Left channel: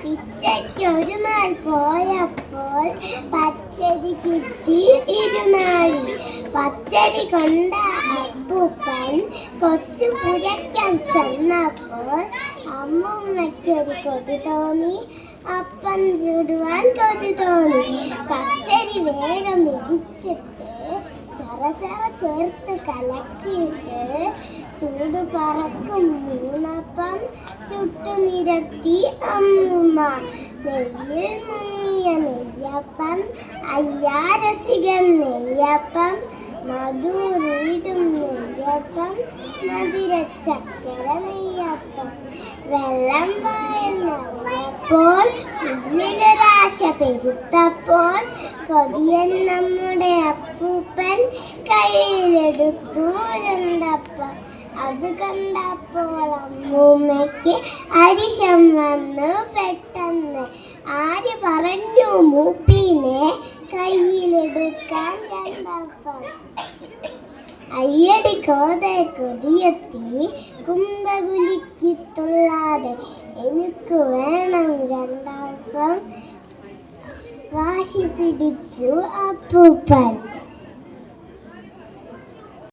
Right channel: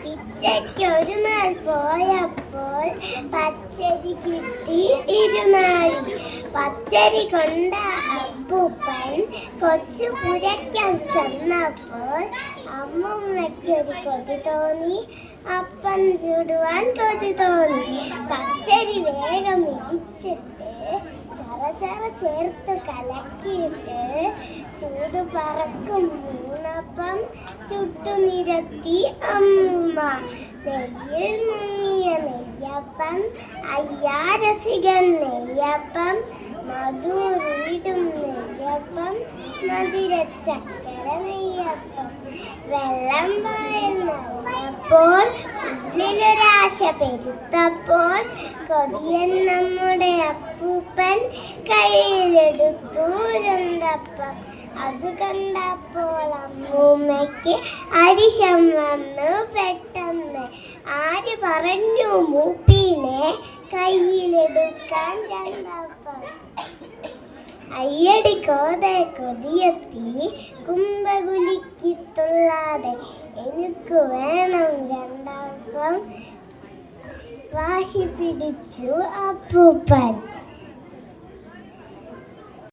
പിച്ചയ്ക്കൊരു നാൾ പോയപ്പോൾ പച്ചരി കിട്ടി ഇരുനാഴി. പച്ചരി കൊണ്ട അപ്പൂപ്പൻ കൊച്ചു പുരയ്ക്കൽ ചെന്നപ്പോൾ അമ്മൂമ്മയ്ക്കൊരു കൊതി തോന്നി. അപ്പം ചുടുവാൻ കൊതി തോന്നി. പച്ചരി വേഗം ഇടിച്ചിട്ട് ചറചറ ചേർത്ത് കലക്കിയിട്ട് ചൂട് പറക്കും വീണപ്പം ചുട്ടു നിരത്തി അമ്മൂമ്മ. നെയ്യിൽ മുങ്ങിയ നെയ്യപ്പം, അയ്യാ രസികൻ നെയ്യപ്പം, മധുരീടും നെയ്യപ്പം, മധുരച്ചക്കര നെയ്യപ്പം. വെള്ളം വായപ്പോൾ ഉള്ളിലൊരാശ പെരുത്തപ്പോൾ കൊതിയൻ നമ്മുടെ അപ്പൂപ്പൻ കയ്യിലെടുത്തു ഉരുണ്ടപ്പം. അത് കണ്ടപ്പോൾ അമ്മൂമ്മയ്ക്ക് അരിശം വന്നു പെട്ടെന്ന്. ആര് പറഞ്ഞു മൂപ്പിനെ കയ്യിലെടുക്കാൻ രണ്ടപ്പം? അയ്യടി കോതെ കൊതിയെത്തി കുമ്പകുലിക്ക് തുള്ളാതെ എനിക്ക് വേണം രണ്ടപ്പം വാശി പിടിച്ചു അപ്പൂപ്പൻ.